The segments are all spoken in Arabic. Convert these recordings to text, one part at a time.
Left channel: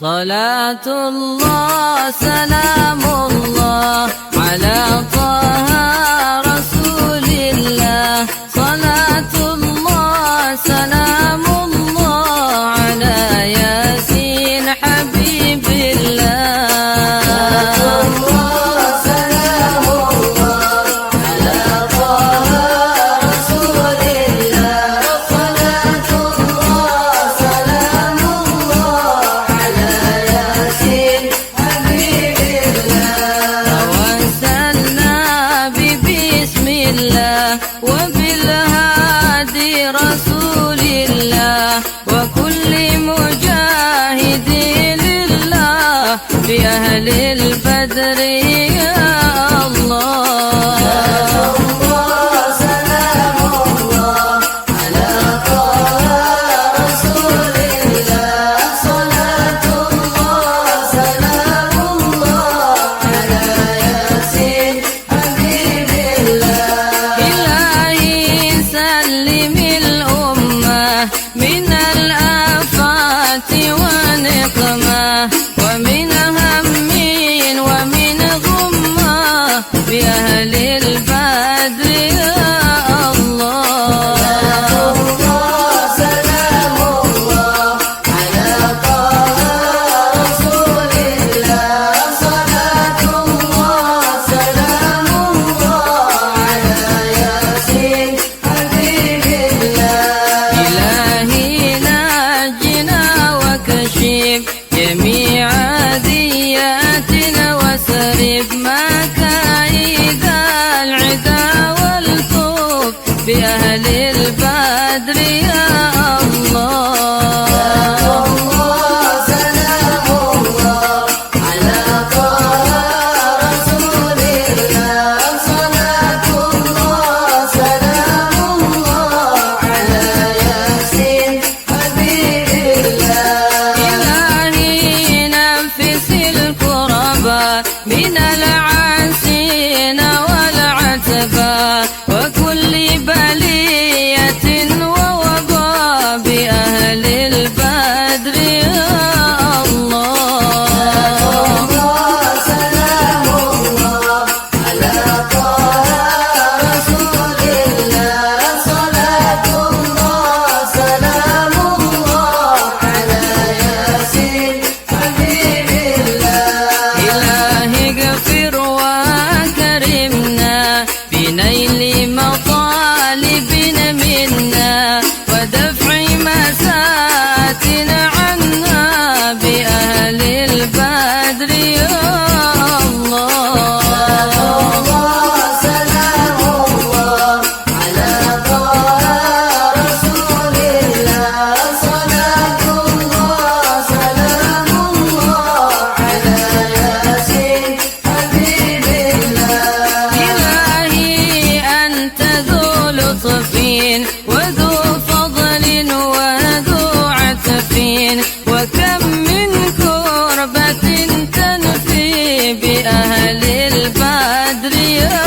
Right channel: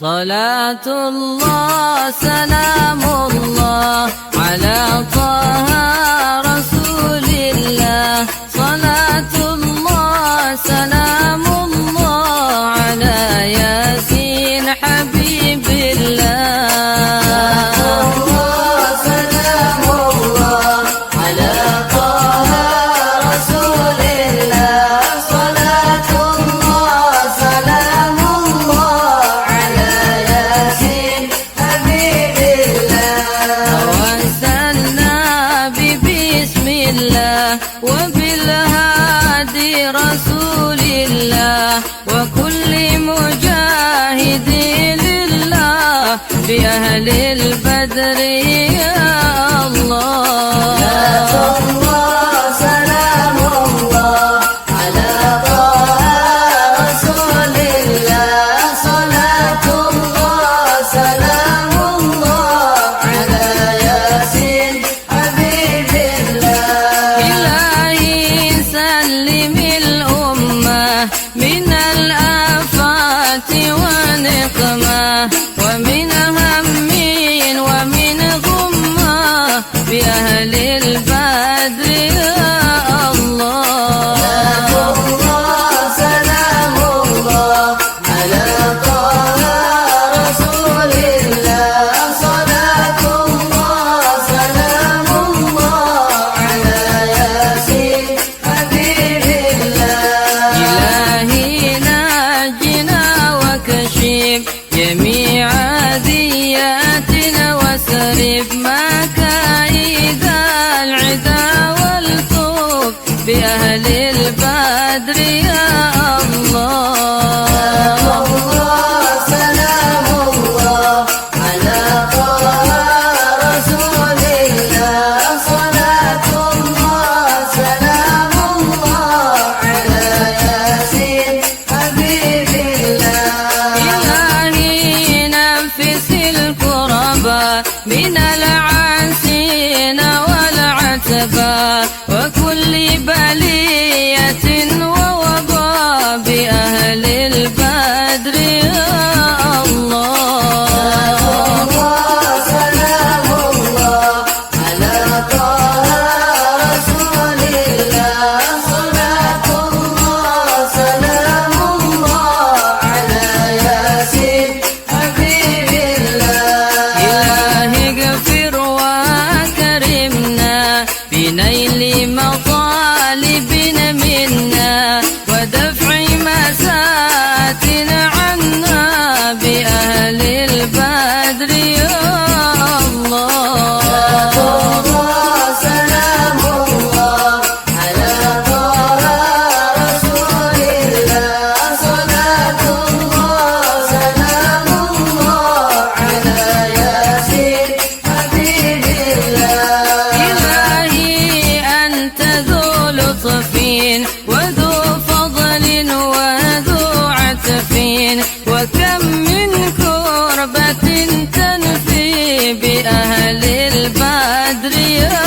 صلاة الله سلام الله على طه رسول الله. صلاة الله سلام الله على ياسين حبيب الله. وبالهادي رسول الله وكل مجاهد لله بأهل البدر يا الله. من الآفات ونقمة ومن هم ومن غمة بأهل البدر يا الله. سلام الله على طه رسول الله. صلاة الله سلام الله على ياسين حبيب الله. جميع دياتنا وسرب مكايد العدا والطوب بأهل البدر يا الله. سلام الله على طه رسول الله. صلاة الله سلام الله على ياسين حبيب من العاسين والعتبى وكل بلية ووباء بأهل البدر يا الله. سلام الله على طه رسول الله. صلاة الله سلام الله على ياسين حبيب اغفر وكرمنا بنيل مطالبنا منا ودفع مساتنا عنا بأهل البدر يا الله. سلام الله على طه رسول الله. صلاة الله سلام الله على ياسين وذو فضل وذو عتفين وكم من كربة تنفي بأهل البدر يا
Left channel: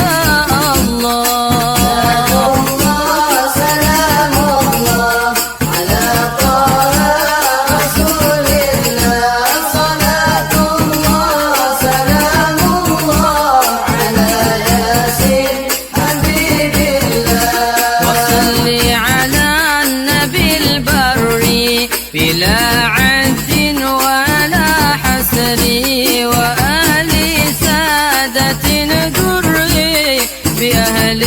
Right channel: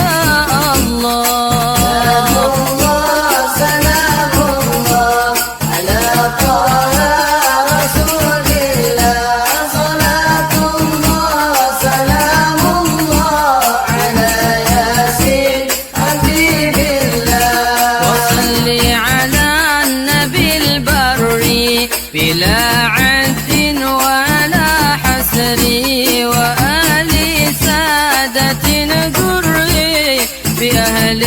الله. سلام الله على طه رسول الله. صلاة الله سلام الله على ياسين حبيب على النبي البري بلا عد ولا حسر وأهل سادة قري بأهل